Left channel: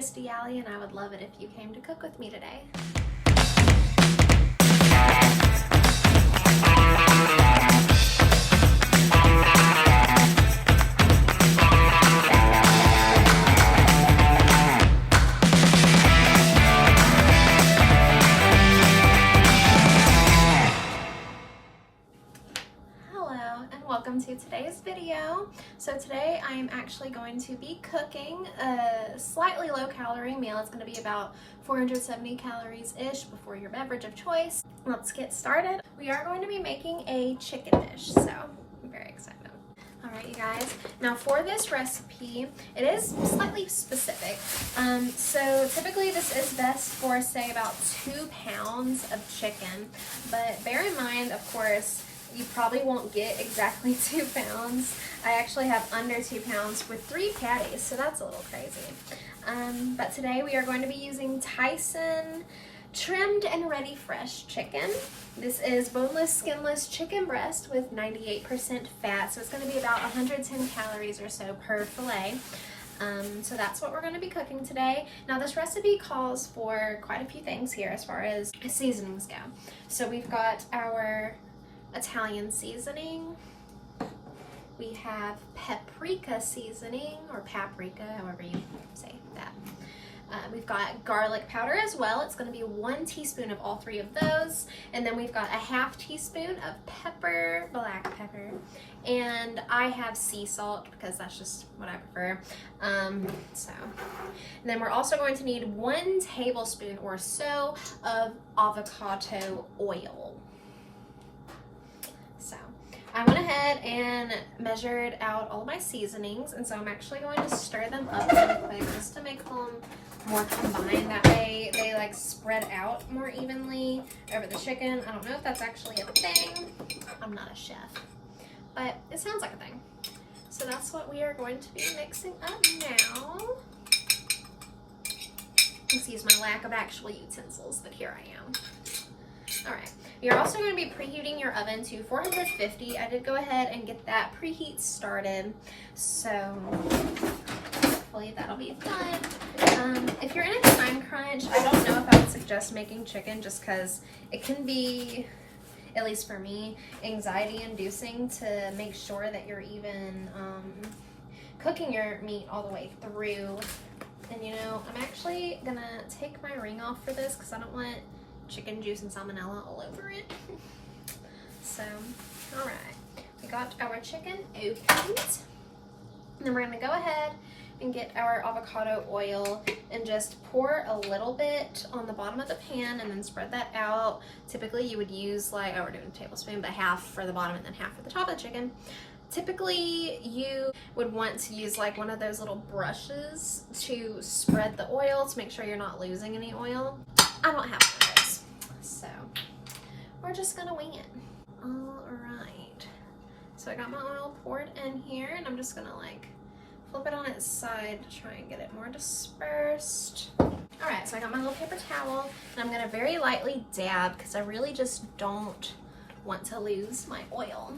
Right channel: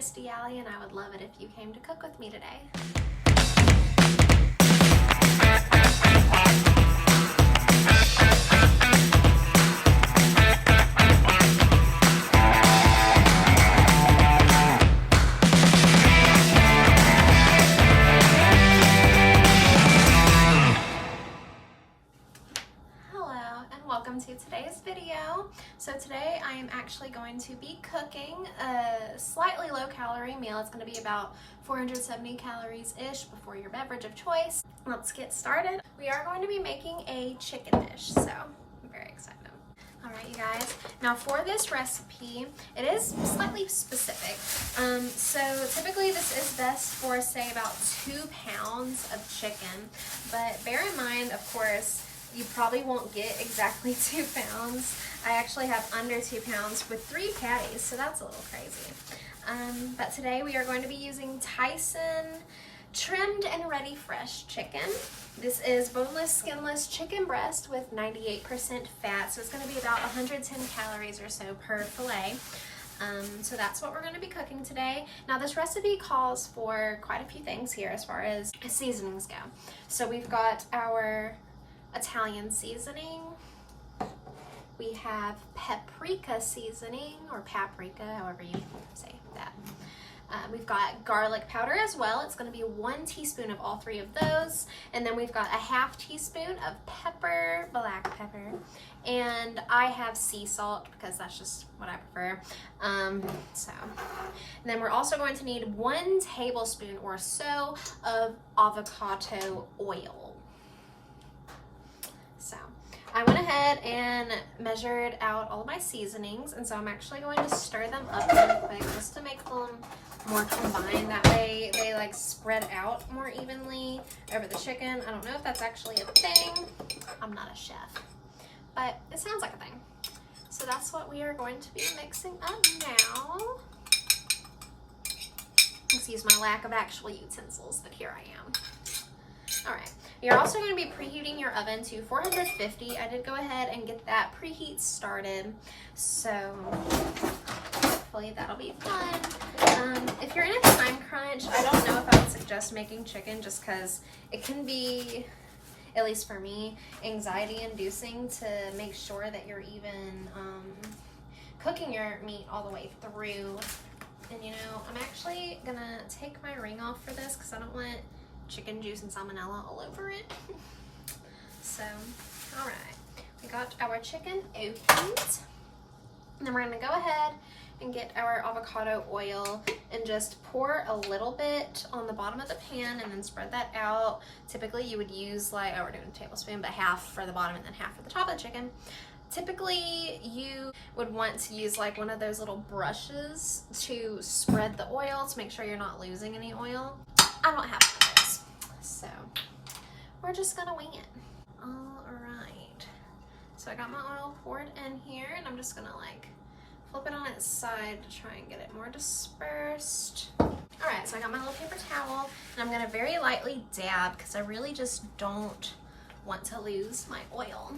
ItsKristiiAly, and I would love it if you came to cook with me today. Welcome to today's video. So today I am actually going to be cooking a slightly low calorie meal. It's going to be about 470 calories-ish before your beverage of choice. Let's get started. We are going to be making a chicken dish, so I'm very excited. All right, you guys. Now for this recipe, it is slightly specific. So typically this is best for, say, about 2 pounds of chicken, but bear in mind, of course, you probably won't get exactly 2 pounds. I actually have under 2 pounds with 3 patties, so that's a little crazy. But today we are going to be using Tyson trimmed and ready fresh chicken. This is boneless, skinless chicken breast with 98% fat, so it's going to be about 110 calories or so per fillet. So that's what we're going to be cooking today. Now this recipe calls for quite a few things here as far as seasonings go. So we've got our Italian seasoning, we have paprika seasoning, or paprika, however you say that. We've got garlic powder as well. It's going to be 1 teaspoon of all 3 of those, and then we've got a ½ teaspoon of pepper, black pepper, and I have sea salt because that's just what I prefer. And then we're also going to need 1 tablespoon or so of avocado oil. So I went ahead and measured out all of my seasonings, and so I'm actually going to stir them up really quick just to make them more combined. That way they like spread out more evenly over the chicken. I don't know if that's actually a thing. I'm not a chef, but it sounds like a thing. So that's what we are going to be mixing up now. Excuse my lack of actual utensils, but here I am. All right. You're also going to be preheating your oven to 450. I did go ahead and get that preheat started, so hopefully that'll be fun. If you're in a time crunch, I don't know if I would suggest making chicken just because it can be, at least for me, anxiety-inducing to make sure that you're even cooking your meat all the way through. And you know, I'm actually going to take my ring off for this because I don't want chicken juice and salmonella all over it. So, all right, we got our chicken opened. And then we're gonna go ahead and get our avocado oil and just pour a little bit on the bottom of the pan and then spread that out. Typically you would use like, oh, we're doing a tablespoon, but half for the bottom and then half for the top of the chicken. Typically you would want to use like one of those little brushes to spread the oil to make sure you're not losing any oil. I don't have one of those, so we're just gonna wing it. All right, so I got my oil poured in here, and I'm just gonna like flip it on its side to try and get it more dispersed. All right, so I got my little paper towel, and I'm gonna very lightly dab because I really just don't want to lose my oil.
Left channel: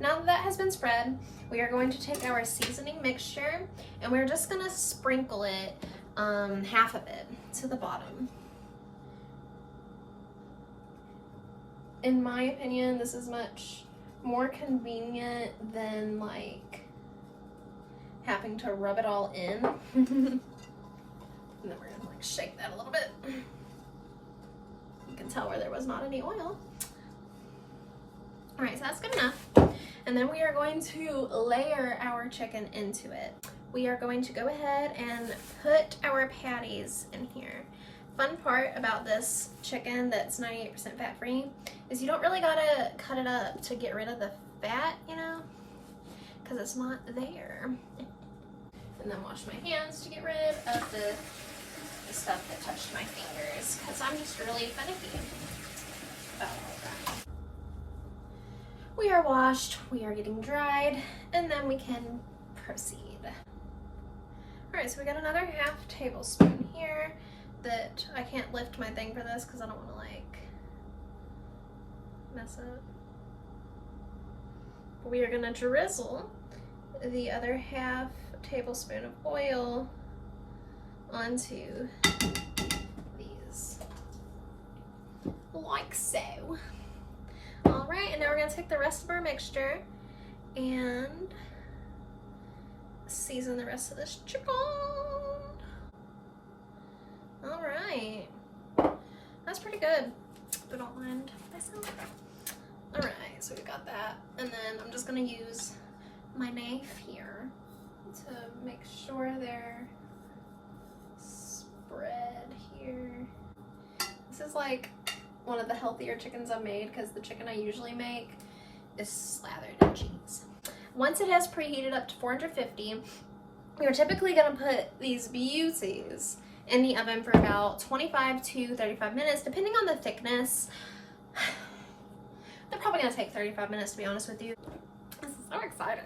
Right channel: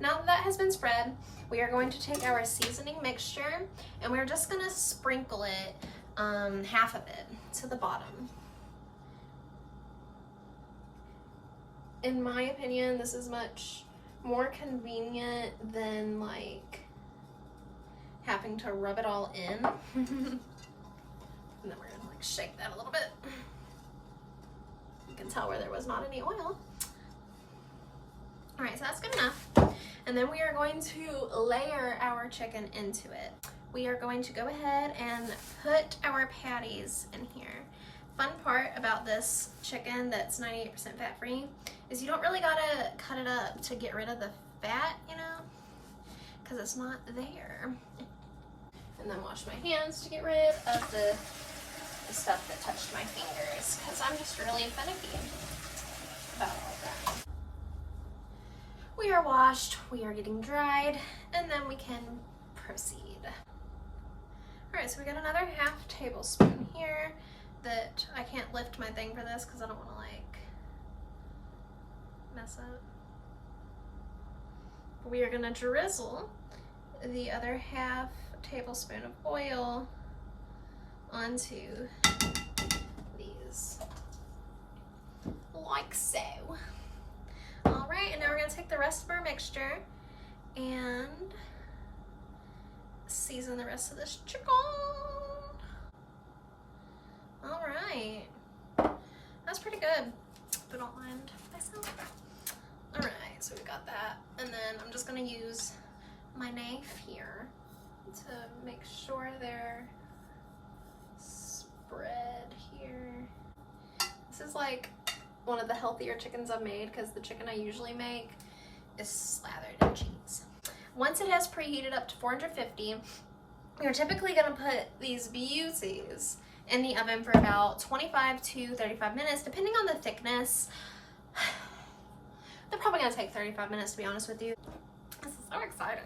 Now that has been spread, we are going to take our seasoning mixture, and we're just gonna sprinkle it, half of it to the bottom. In my opinion, this is much more convenient than like having to rub it all in. And then we're gonna like shake that a little bit. You can tell where there was not any oil. All right, so that's good enough. And then we are going to layer our chicken into it. We are going to go ahead and put our patties in here. Fun part about this chicken that's 98% fat-free is you don't really gotta cut it up to get rid of the fat, you know, because it's not there. And then wash my hands to get rid of the stuff that touched my fingers, because I'm just really finicky about all that. We are washed, we are getting dried, and then we can proceed. All right, so we got another ½ tablespoon here that I can't lift my thing for this because I don't want to like mess up. We are gonna drizzle the other ½ tablespoon of oil onto these like so. All right, and now we're gonna take the rest of our mixture and season the rest of this chicken. All right, that's pretty good, if I don't mind myself. All right, so we got that, and then I'm just gonna use my knife here to make sure they're spread here. This is like one of the healthier chickens I've made because the chicken I usually make is slathered in cheese. Once it has preheated up to 450, you're typically gonna put these beauties in the oven for about 25 to 35 minutes, depending on the thickness. They're probably gonna take 35 minutes, to be honest with you. This is so exciting.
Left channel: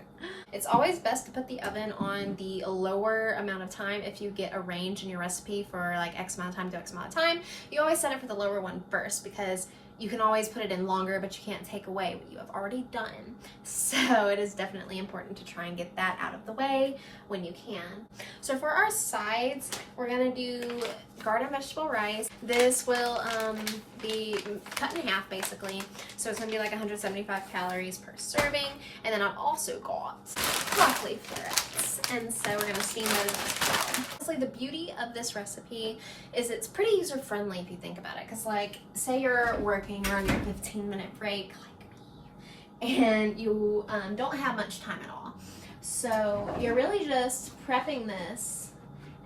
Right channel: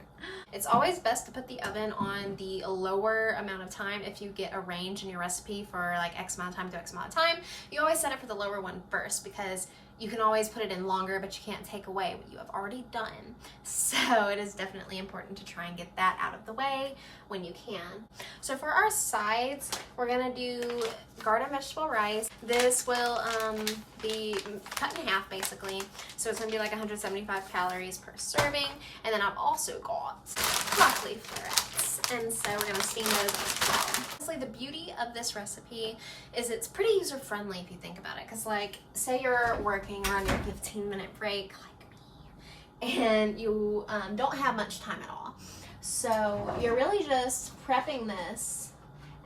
It's always best to put the oven on the lower amount of time if you get a range in your recipe for like X amount of time to X amount of time. You always set it for the lower one first because you can always put it in longer, but you can't take away what you have already done. So it is definitely important to try and get that out of the way when you can. So for our sides, we're gonna do garden vegetable rice. This will be cut in half basically. So it's gonna be like 175 calories per serving. And then I've also got broccoli florets. And so we're gonna steam those as well. Honestly, the beauty of this recipe is it's pretty user friendly if you think about it. Cause like, say you're working, you're on your 15-minute break like me, and you don't have much time at all. So you're really just prepping this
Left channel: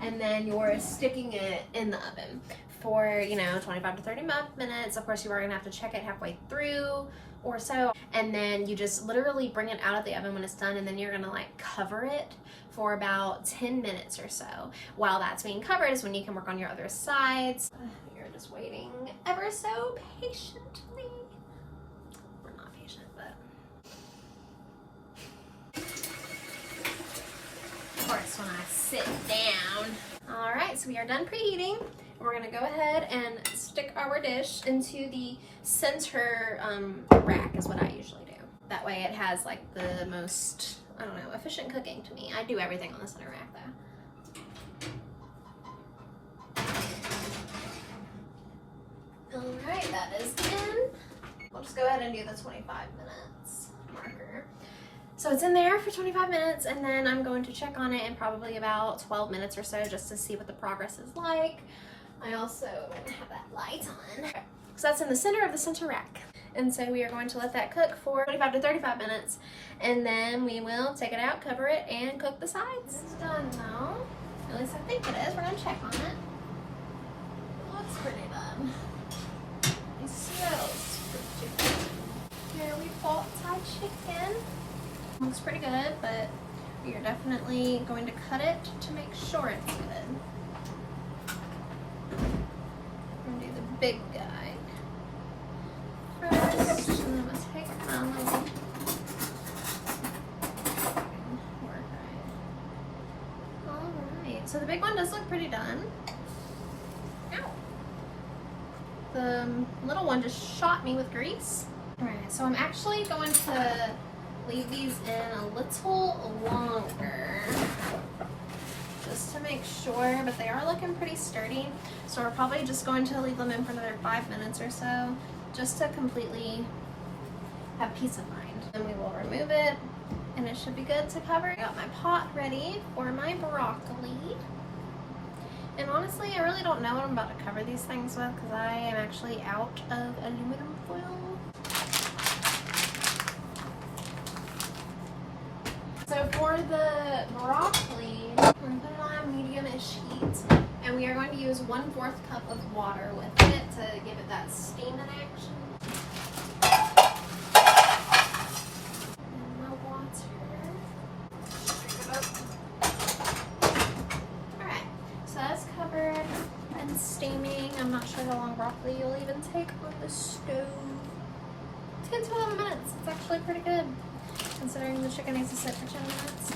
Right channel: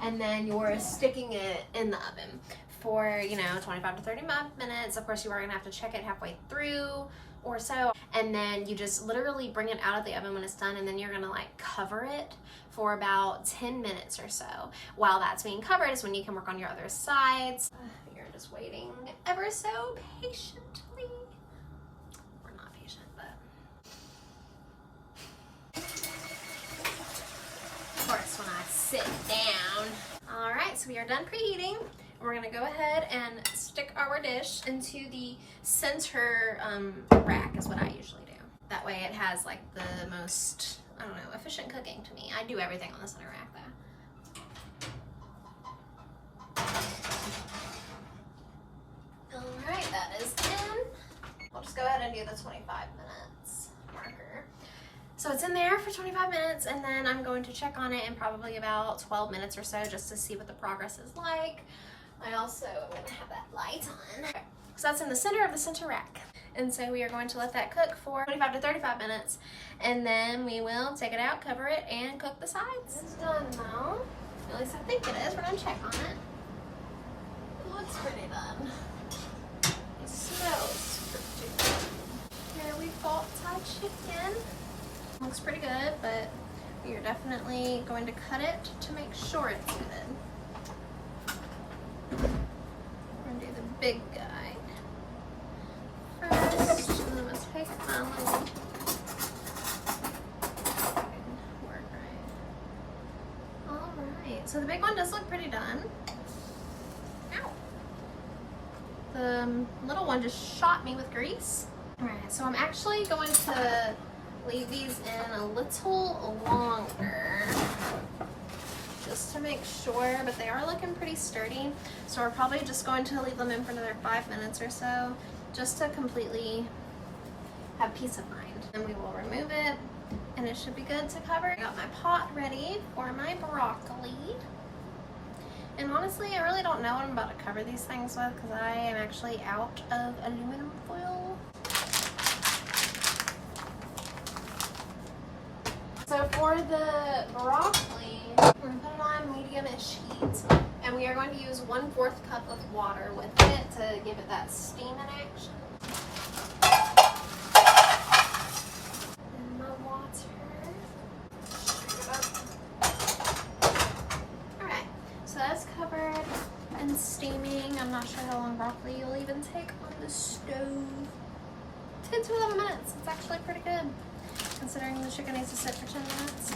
and then you're sticking it in the oven for, you know, 25 to 30 minutes. Of course, you are gonna have to check it halfway through or so. And then you just literally bring it out of the oven when it's done, and then you're gonna like cover it for about 10 minutes or so. While that's being covered is when you can work on your other sides. You're just waiting ever so patiently. We're not patient, but of course when I sit down. All right, so we are done preheating. We're gonna go ahead and stick our dish into the center rack is what I usually do. That way it has like the most, I don't know, efficient cooking to me. I do everything on the center rack though. All right, that is in. We'll just go ahead and do the 25 minutes marker. So it's in there for 25 minutes, and then I'm going to check on it in probably about 12 minutes or so just to see what the progress is like. I also have that light on. Okay. So that's in the center of the center rack. And so we are going to let that cook for 25 to 35 minutes, and then we will take it out, cover it, and cook the sides. It's done now. At least I think it is. We're gonna check on it. It looks pretty done. It smells pretty good. Here we got Thai chicken. Looks pretty good, but we are definitely going to cut it to make sure it's good. I'm gonna do the big guy first, and then I'm gonna take my little work right. Alright, so the big one does look pretty done. Ow! The little one just shot me with grease. Alright, so I'm actually going to leave these in a little longer just to make sure, but they are looking pretty sturdy. So we're probably just going to leave them in for another 5 minutes or so, just to completely have peace of mind. And we will remove it, and it should be good to cover. I got my pot ready for my broccoli. And honestly, I really don't know what I'm about to cover these things with because I am actually out of aluminum foil. So for the broccoli, I'm going to put it on medium-ish heat, and we are going to use 1/4 cup of water with it to give it that steam in action. And my water. Alright, so that's covered and steaming. I'm not sure how long broccoli you'll even take on the stove. 10 to 11 minutes. It's actually pretty good, considering the chicken needs to sit for 10 minutes.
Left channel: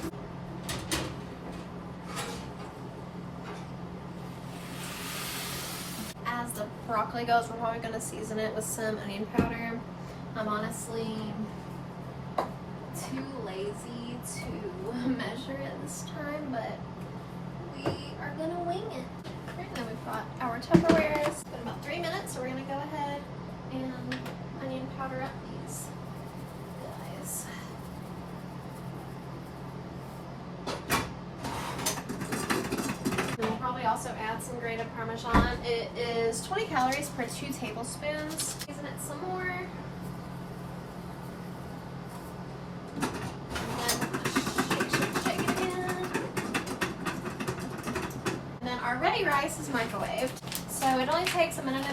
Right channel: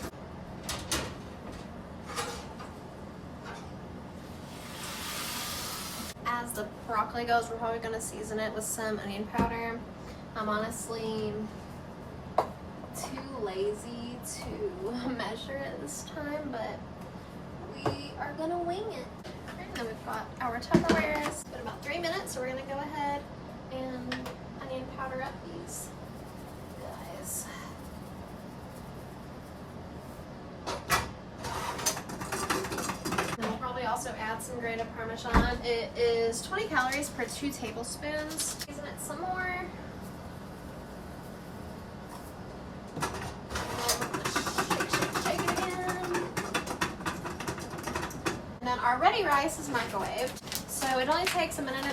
As the broccoli goes, we're probably going to season it with some onion powder. I'm honestly too lazy to measure it this time, but we are going to wing it. Tupperwares. It's been about 3 minutes, so we're gonna go ahead and onion powder up these guys. And we'll probably also add some grated Parmesan. It is 20 calories per 2 tablespoons. Season it some more. Our ready rice is microwaved, so it only takes 1.5 minutes.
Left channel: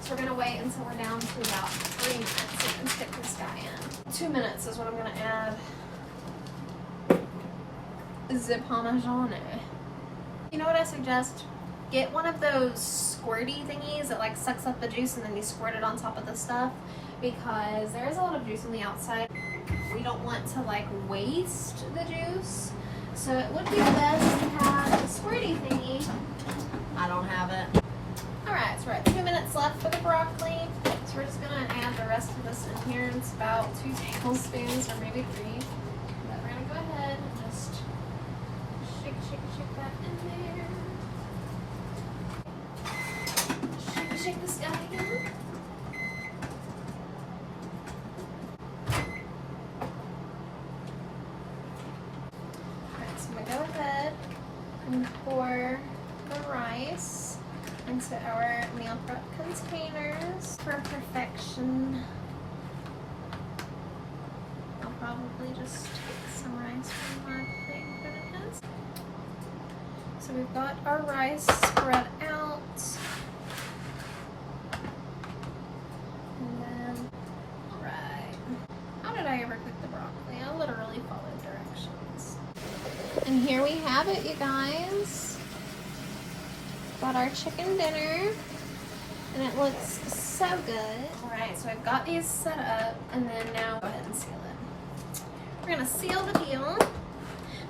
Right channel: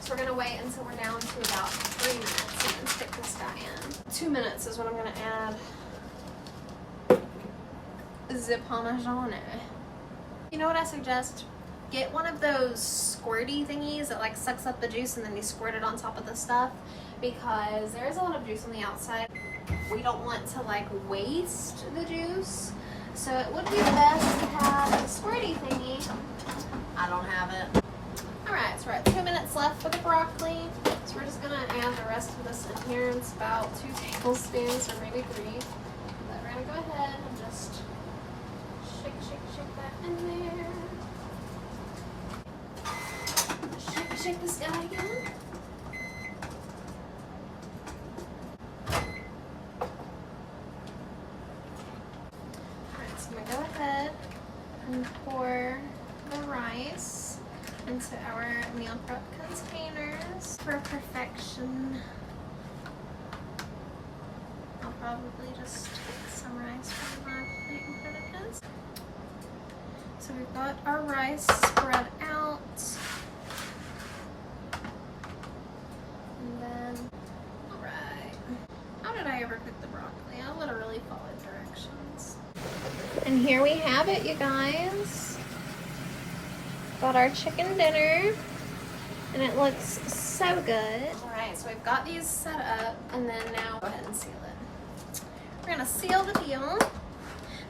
So we're gonna wait until we're down to about 3 minutes and then stick this guy in. 2 minutes is what I'm gonna add the Parmesan. You know what I suggest? Get one of those squirty thingies that like sucks up the juice and then you squirt it on top of the stuff, because there is a lot of juice on the outside. We don't want to like waste the juice. So it would be best to have a squirty thingy. I don't have it. Alright, so we're at 2 minutes left for the broccoli. So we're just going to add the rest of this in here. It's about 2 tablespoons or maybe 3. But we're going to go ahead and just shake that in there. Shake this guy again. Go ahead and pour the rice into our meal prep containers for perfection. I'll probably just take some rice from my plate in front of us. So we've got our rice spread out. And then, alright. How did I ever cook the broccoli? I literally followed directions. And here we have it, you guys. Got our chicken dinner, and it looks so good. All right, so we've got these set up, and then now go ahead and seal it. We're gonna seal the deal,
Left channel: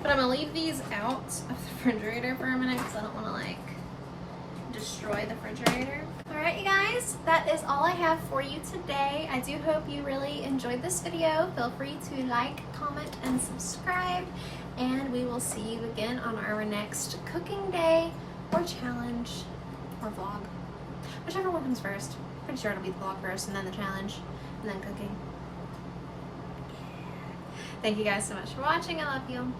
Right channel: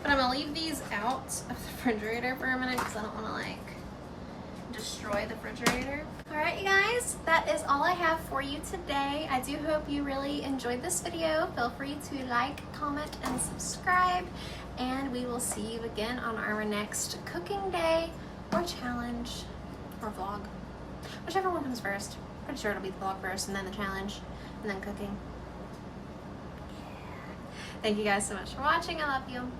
but I'm gonna leave these out of the refrigerator for a minute because I don't want to like destroy the refrigerator. All right, you guys, that is all I have for you today. I do hope you really enjoyed this video. Feel free to like, comment, and subscribe. And we will see you again on our next cooking day or challenge or vlog. Whichever one comes first. Pretty sure it'll be the vlog first and then the challenge and then cooking. Yeah. Thank you guys so much for watching. I love you.